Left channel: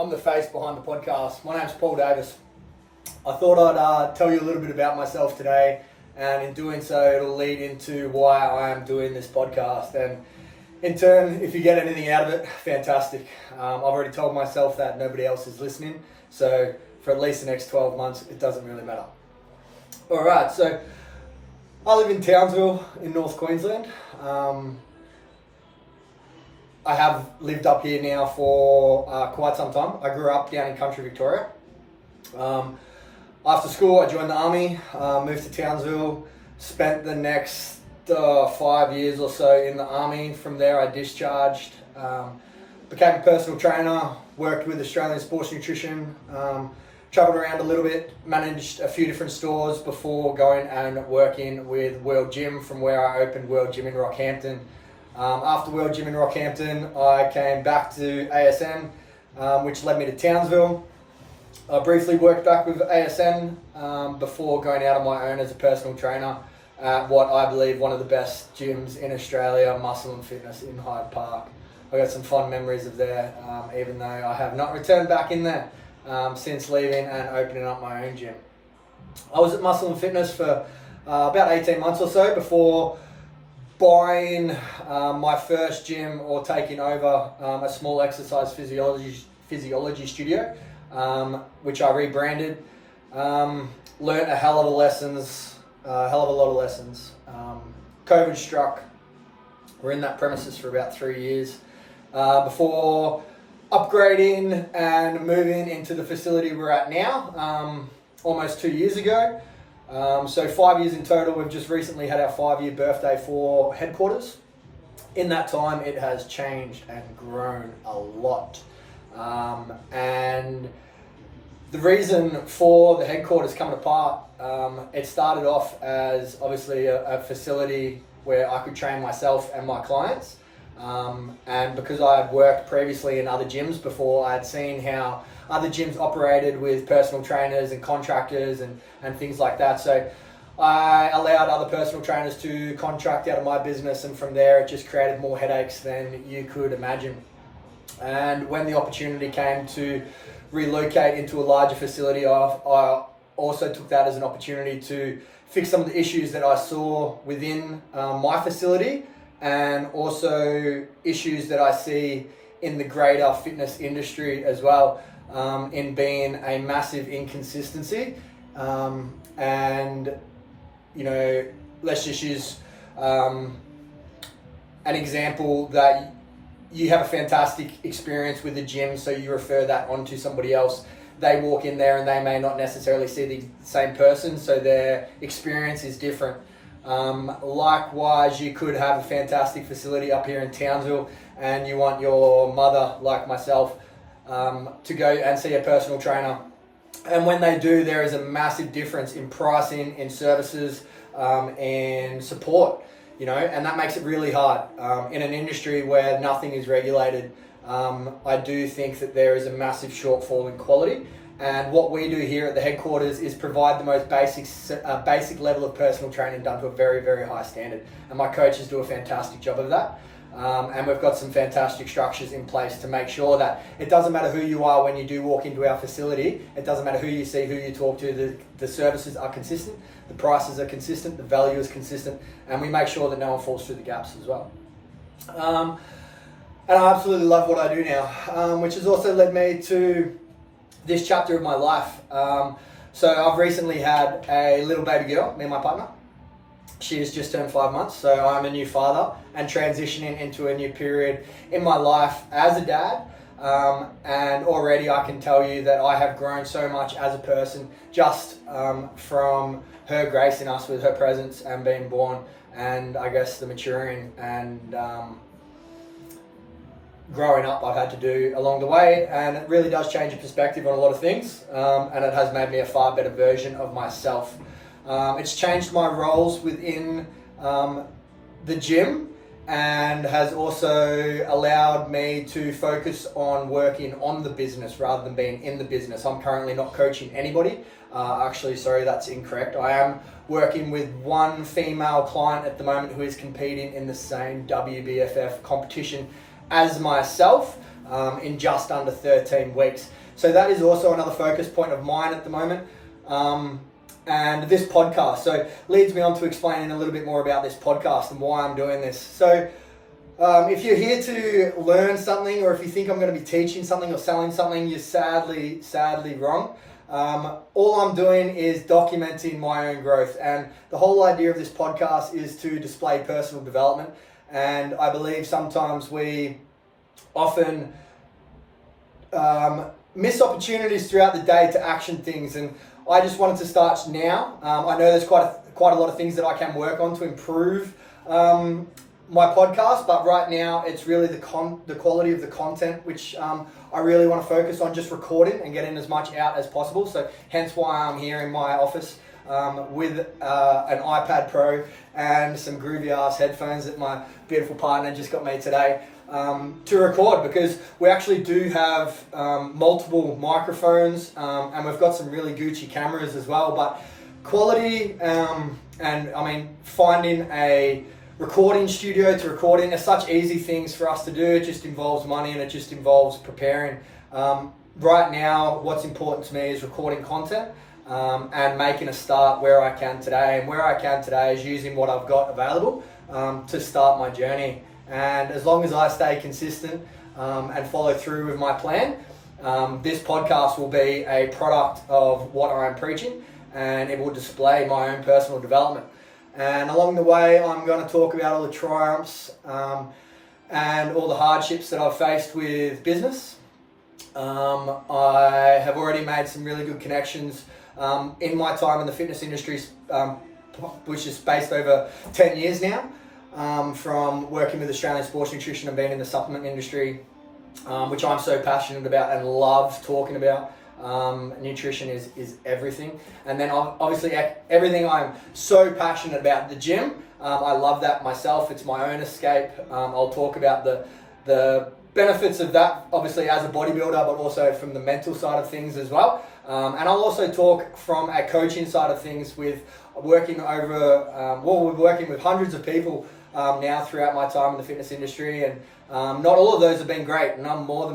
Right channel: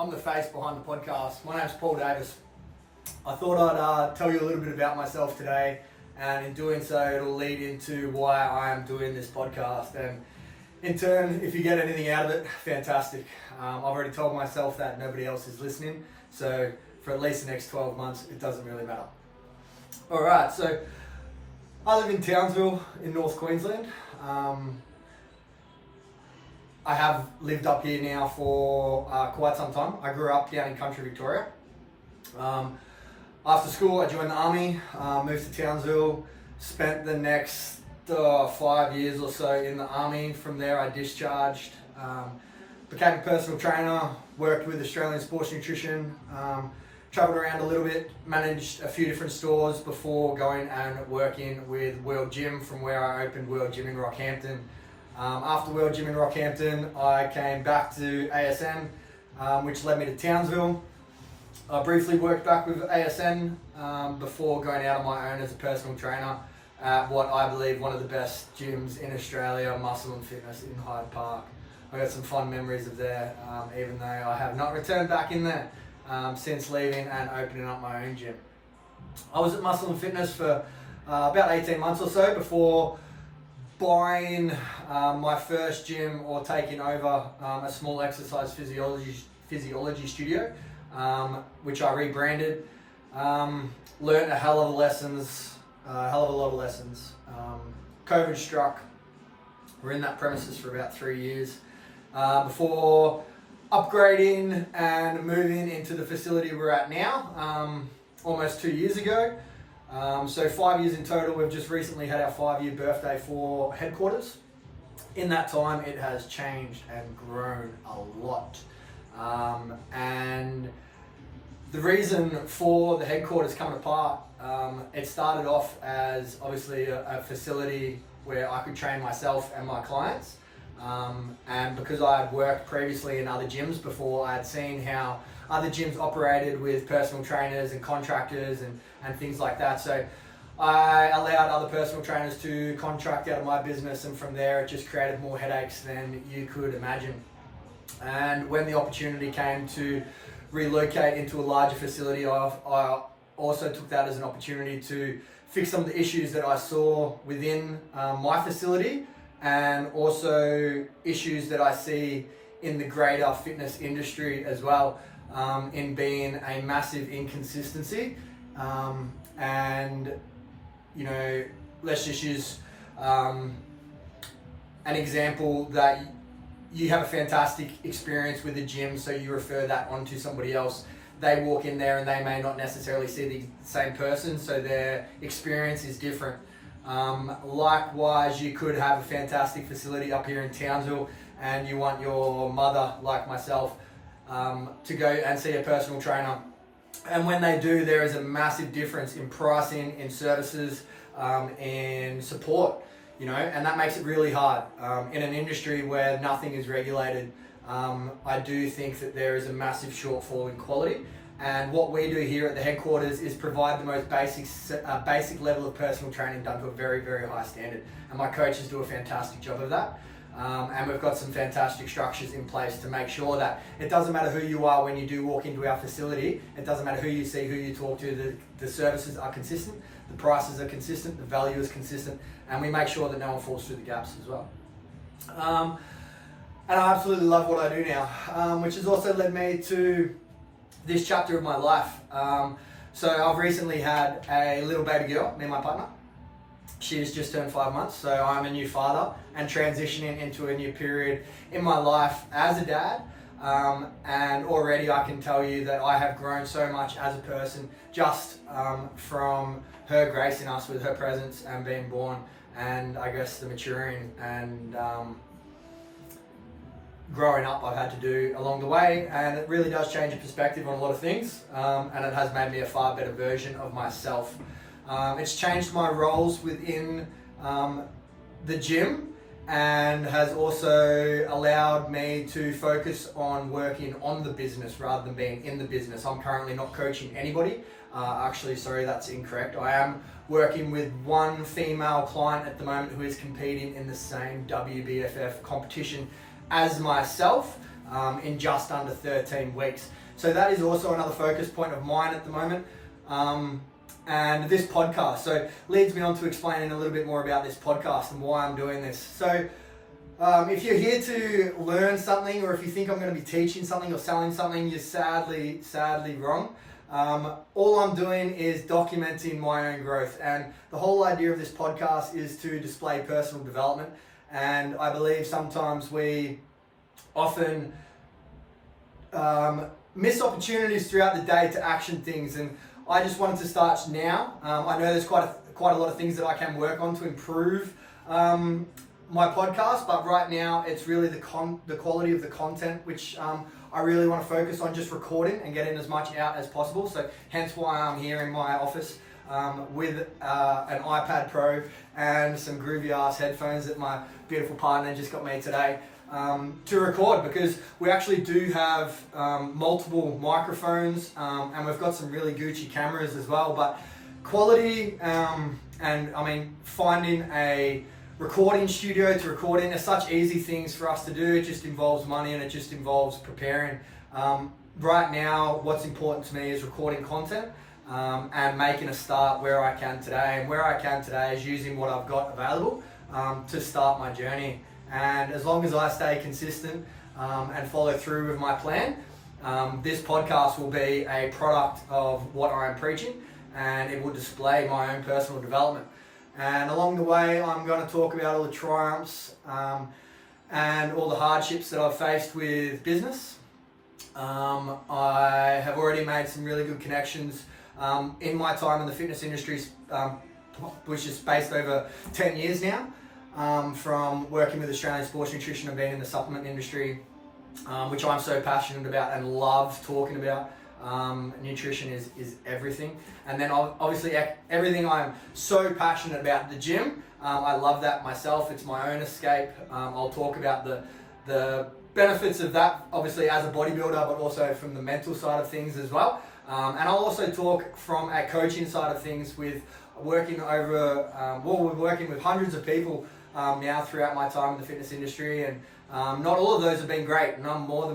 I'm the face behind the podcast. My name's Paul Davis. I thought I'd tell you a little bit about myself today, and in doing so, it'll lead into why I am doing this podcast. And in turn, if you get anything out of it, fantastic. I've already told myself that nobody else is listening, so for at least the next 12 months, it doesn't really matter. All right, so I live in Townsville in North Queensland. I have lived up here now for quite some time. I grew up down in country Victoria. After school, I joined the army, moved to Townsville, spent the next 5 years or so in the army. From there, I discharged, became a personal trainer, worked with Australian Sports Nutrition, travelled around a little bit, managed a few different stores before going and working with World Gym, from where I opened World Gym in Rockhampton. After World Gym in Rockhampton, I came back to ASN, which led me to Townsville. I briefly worked back with ASN before going out on my own as a personal trainer at what I believe one of the best gyms in Australia, Muscle and Fitness in Hyde Park. I got some fond memories of there, even though I have not returned back in there since leaving and opening up my own gym. I was at Muscle and Fitness for about 18 months or so before buying my first gym or taking over a small exercise physiology studio, which I rebranded. Learned a hell of a lot of lessons. COVID struck. We're in that premises for about 3 years before upgrading and moving into the facility we're at now, almost 2 years ago. So 5 years in total. We've just recently had our 5-year birthday for headquarters. In that time, it has changed and grown a lot. And the reason for the headquarters coming apart, it started off as obviously a facility where I could train myself and my clients. And because I had worked previously in other gyms before, I had seen how other gyms operated with personal trainers and contractors and things like that. So I allowed other personal trainers to contract out of my business, and from there it just created more headaches than you could imagine. And when the opportunity came to relocate into a larger facility, I also took that as an opportunity to fix some of the issues that I saw within my facility, and also issues that I see in the greater fitness industry as well, in being a massive inconsistency. And, you know, let's just use an example that you have a fantastic experience with the gym, so you refer that on to somebody else. They walk in there and they may not necessarily see the same person, so their experience is different. Likewise, you could have a fantastic facility up here in Townsville and you want your mother, like myself, to go and see a personal trainer. And when they do, there is a massive difference in pricing, in services, and support, you know, and that makes it really hard. In an industry where nothing is regulated, I do think that there is a massive shortfall in quality. And what we do here at the headquarters is provide the most basic level of personal training done to a very, very high standard. And my coaches do a fantastic job of that. And we've got some fantastic structures in place to make sure that it doesn't matter who you are when you do walk into our facility. It doesn't matter who you see, who you talk to. The services are consistent, the prices are consistent, the value is consistent, and we make sure that no one falls through the gaps as well. And I absolutely love what I do now, which has also led me to this chapter of my life. So I've recently had a little baby girl, me and my partner. She has just turned 5 months, so I'm a new father and transitioning into a new period in my life as a dad. And already I can tell you that I have grown so much as a person just from her gracing us with her presence and being born, and I guess the maturing and growing up I've had to do along the way, and it really does change your perspective on a lot of things, and it has made me a far better version of myself. It's changed my roles within the gym, and has also allowed me to focus on working on the business rather than being in the business. I'm currently not coaching anybody. Actually, sorry, that's incorrect. I am working with one female client at the moment who is competing in the same WBFF competition as myself. in just under 13 weeks. So that is also another focus point of mine at the moment. And this podcast, so leads me on to explaining a little bit more about this podcast and why I'm doing this. So if you're here to learn something, or if you think I'm going to be teaching something or selling something, you're sadly wrong. All I'm doing is documenting my own growth, and the whole idea of this podcast is to display personal development. And I believe sometimes we often miss opportunities throughout the day to action things, and I just wanted to start now. I know there's quite a lot of things that I can work on to improve my podcast, but right now it's really the quality of the content which I really want to focus on, just recording and getting as much out as possible. So hence why I'm here in my office with an iPad Pro and some groovy ass headphones that my beautiful partner just got me today to record, because we actually do have multiple microphones and we've got some really Gucci cameras as well. But quality and I mean, finding a recording studio to record in are such easy things for us to do. It just involves money and it just involves preparing. Right now, what's important to me is recording content and making a start where I can today. And where I can today is using what I've got available to start my journey. And as long as I stay consistent and follow through with my plan, this podcast will be a product of what I'm preaching, and it will display my own personal development. And along the way, I'm going to talk about all the triumphs and all the hardships that I've faced with business. I have already made some really good connections in my time in the fitness industry, which is based over 10 years now, from working with Australian Sports Nutrition and being in the supplement industry, which I'm so passionate about and love talking about. Nutrition is everything. And then obviously everything I'm so passionate about, the gym. I love that myself. It's my own escape. I'll talk about the benefits of that, obviously as a bodybuilder, but also from the mental side of things as well. And I'll also talk from a coaching side of things with working over, we're working with hundreds of people now throughout my time in the fitness industry, and not all of those have been great, and I'm more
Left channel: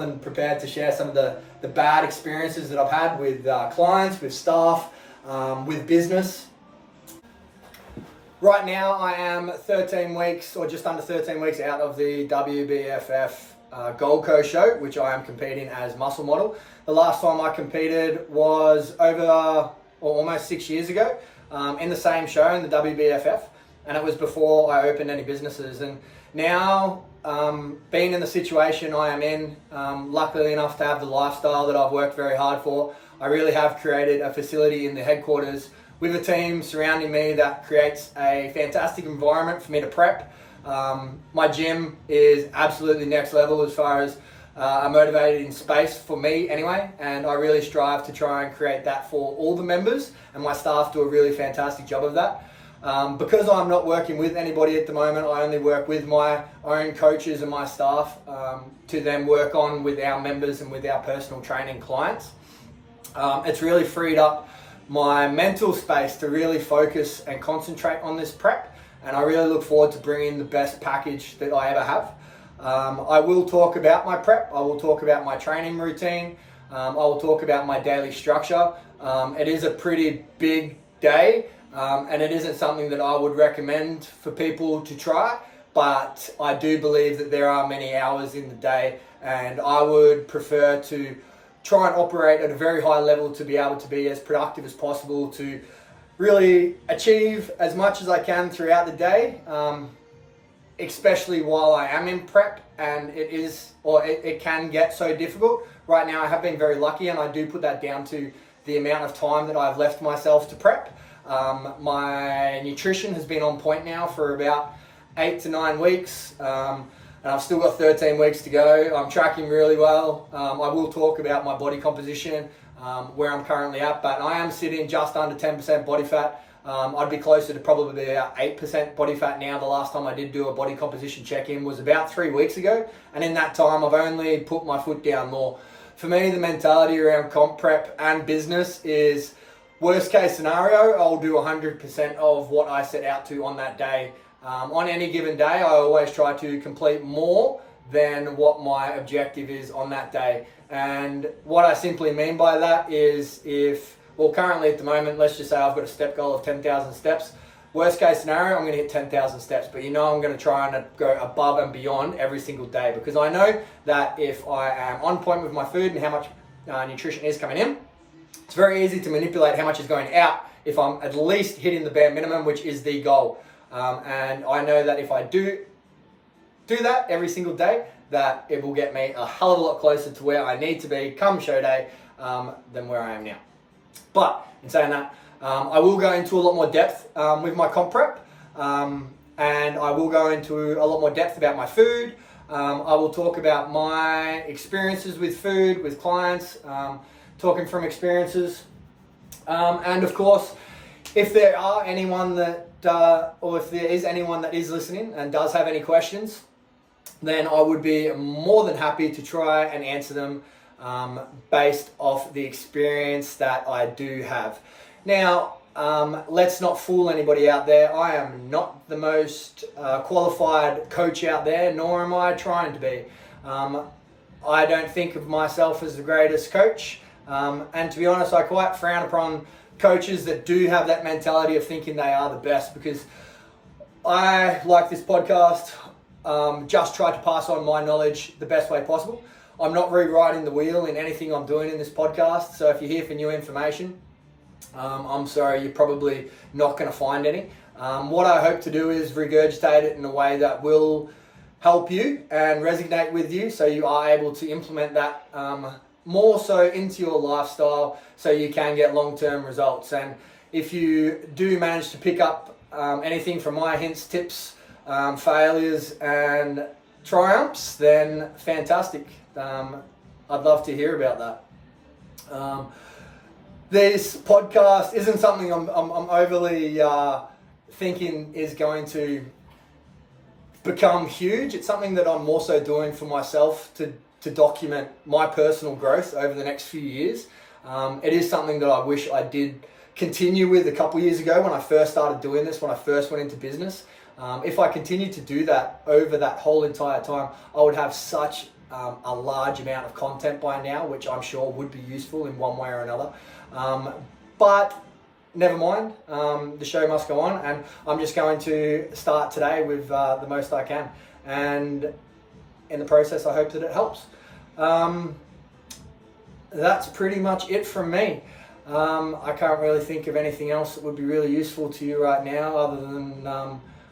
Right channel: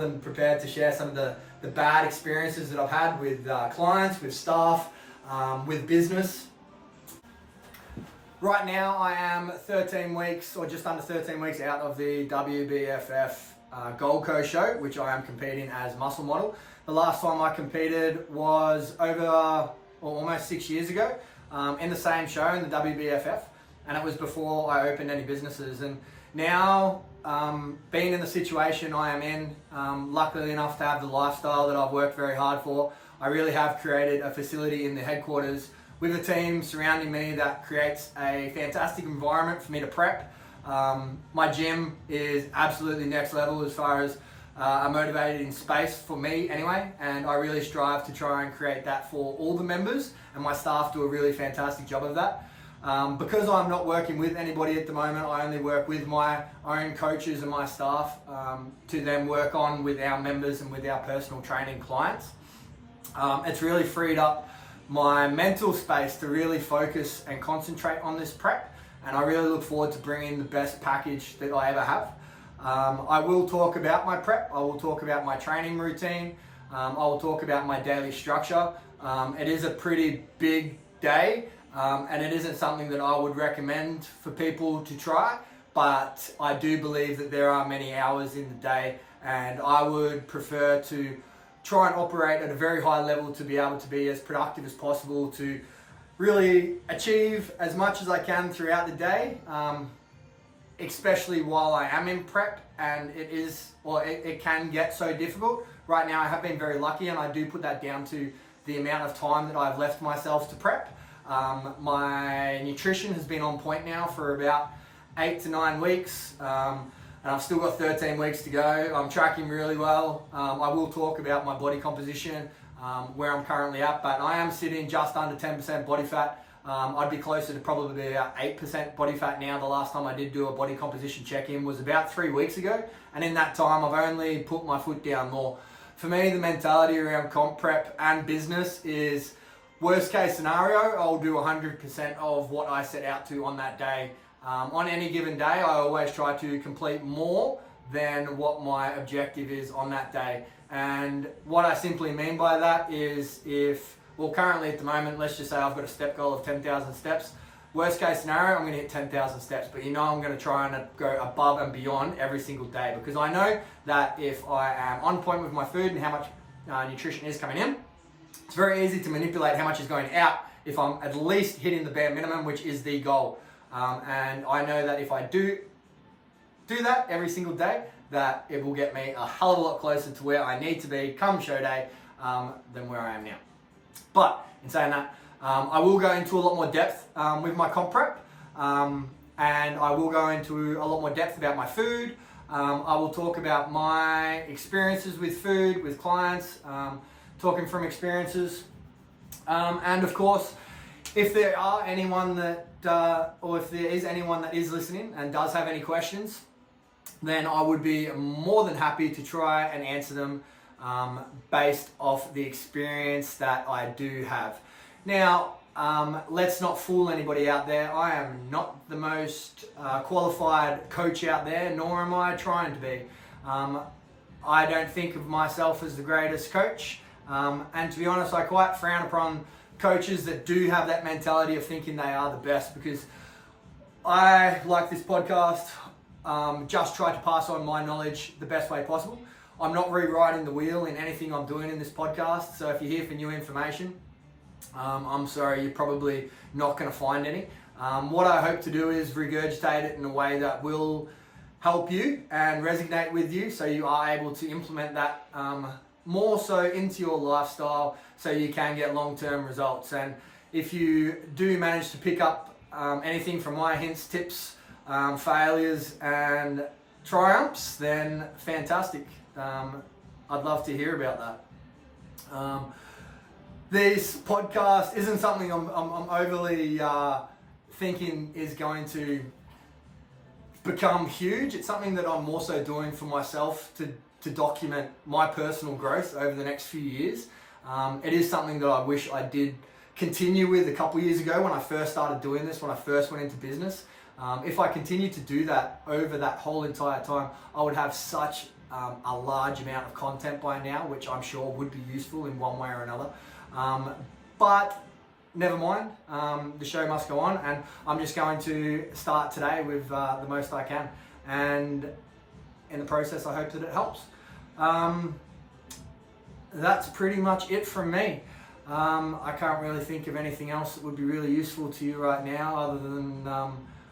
than prepared to share some of the bad experiences that I've had with clients, with staff, with business. Right now I am 13 weeks or just under 13 weeks out of the WBFF Gold Coast show, which I am competing as muscle model. The last time I competed was almost 6 years ago in the same show in the WBFF, and it was before I opened any businesses. And now, being in the situation I am in, luckily enough to have the lifestyle that I've worked very hard for, I really have created a facility in the headquarters with a team surrounding me that creates a fantastic environment for me to prep. My gym is absolutely next level as far as a motivated space for me anyway, and I really strive to try and create that for all the members, and my staff do a really fantastic job of that. Because I'm not working with anybody at the moment, I only work with my own coaches and my staff to then work on with our members and with our personal training clients. It's really freed up my mental space to really focus and concentrate on this prep, and I really look forward to bringing the best package that I ever have. I will talk about my prep, I will talk about my training routine, I will talk about my daily structure. It is a pretty big day. And it isn't something that I would recommend for people to try, but I do believe that there are many hours in the day, and I would prefer to try and operate at a very high level to be able to be as productive as possible, to really achieve as much as I can throughout the day, especially while I am in prep, and it can get so difficult. Right now I have been very lucky, and I do put that down to the amount of time that I've left myself to prep. My nutrition has been on point now for about 8 to 9 weeks, and I've still got 13 weeks to go. I'm tracking really well. I will talk about my body composition, where I'm currently at, but I am sitting just under 10% body fat. I'd be closer to probably about 8% body fat now. The last time I did do a body composition check-in was about 3 weeks ago, and in that time I've only put my foot down more. For me, the mentality around comp prep and business is, worst case scenario, I'll do 100% of what I set out to on that day. On any given day, I always try to complete more than what my objective is on that day. And what I simply mean by that is currently at the moment, let's just say I've got a step goal of 10,000 steps. Worst case scenario, I'm going to hit 10,000 steps, but I'm going to try and go above and beyond every single day, because I know that if I am on point with my food and how much nutrition is coming in, it's very easy to manipulate how much is going out if I'm at least hitting the bare minimum, which is the goal. And I know that if I do that every single day, that it will get me a hell of a lot closer to where I need to be come show day than where I am now. But in saying that, I will go into a lot more depth with my comp prep, and I will go into a lot more depth about my food. I will talk about my experiences with food, with clients, talking from experiences. And of course, if there are anyone that, or if there is anyone that is listening and does have any questions, then I would be more than happy to try and answer them based off the experience that I do have. Now, let's not fool anybody out there. I am not the most qualified coach out there, nor am I trying to be. I don't think of myself as the greatest coach. And to be honest, I quite frown upon coaches that do have that mentality of thinking they are the best, because I, like this podcast, just try to pass on my knowledge the best way possible. I'm not rewriting the wheel in anything I'm doing in this podcast. So if you're here for new information, I'm sorry, you're probably not going to find any. What I hope to do is regurgitate it in a way that will help you and resonate with you, so you are able to implement that more so into your lifestyle, so you can get long-term results. And if you do manage to pick up anything from my hints, tips, failures and triumphs, then fantastic. I'd love to hear about that. This podcast isn't something I'm overly thinking is going to become huge. It's something that I'm also doing for myself to document my personal growth over the next few years. It is something that I wish I did continue with a couple years ago when I first started doing this, when I first went into business. If I continued to do that over that whole entire time, I would have such a large amount of content by now, which I'm sure would be useful in one way or another. But never mind, the show must go on, and I'm just going to start today with the most I can. And in the process, I hope that it helps. That's pretty much it from me. I can't really think of anything else that would be really useful to you right now, other than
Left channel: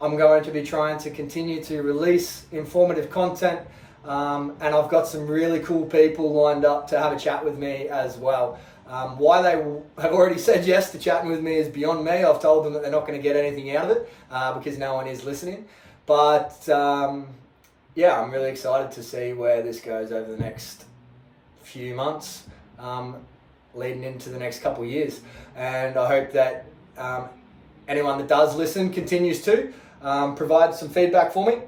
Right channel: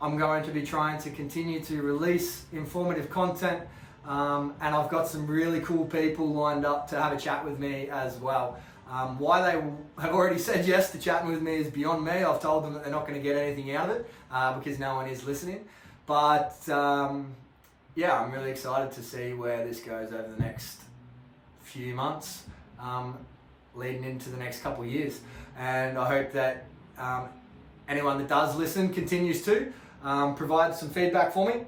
I'm going to be trying to continue to release informative content, and I've got some really cool people lined up to have a chat with me as well. Why they have already said yes to chatting with me is beyond me. I've told them that they're not going to get anything out of it because no one is listening. But yeah, I'm really excited to see where this goes over the next few months, leading into the next couple of years. And I hope that anyone that does listen continues to provide some feedback for me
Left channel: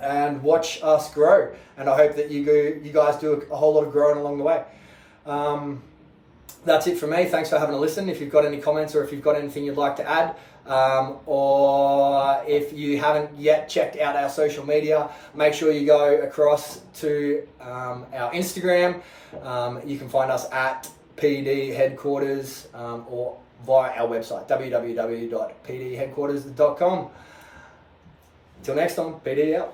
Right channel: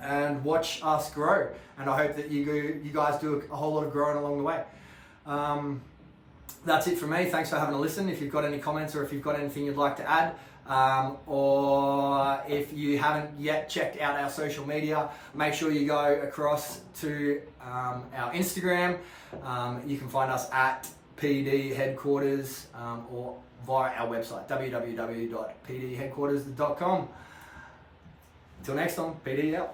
and watch us grow. And I hope that you guys do a whole lot of growing along the way. That's it from me. Thanks for having a listen. If you've got any comments or if you've got anything you'd like to add, or if you haven't yet checked out our social media, make sure you go across to our Instagram. You can find us at PD Headquarters or via our website, www.pdheadquarters.com. Until next time, PD out.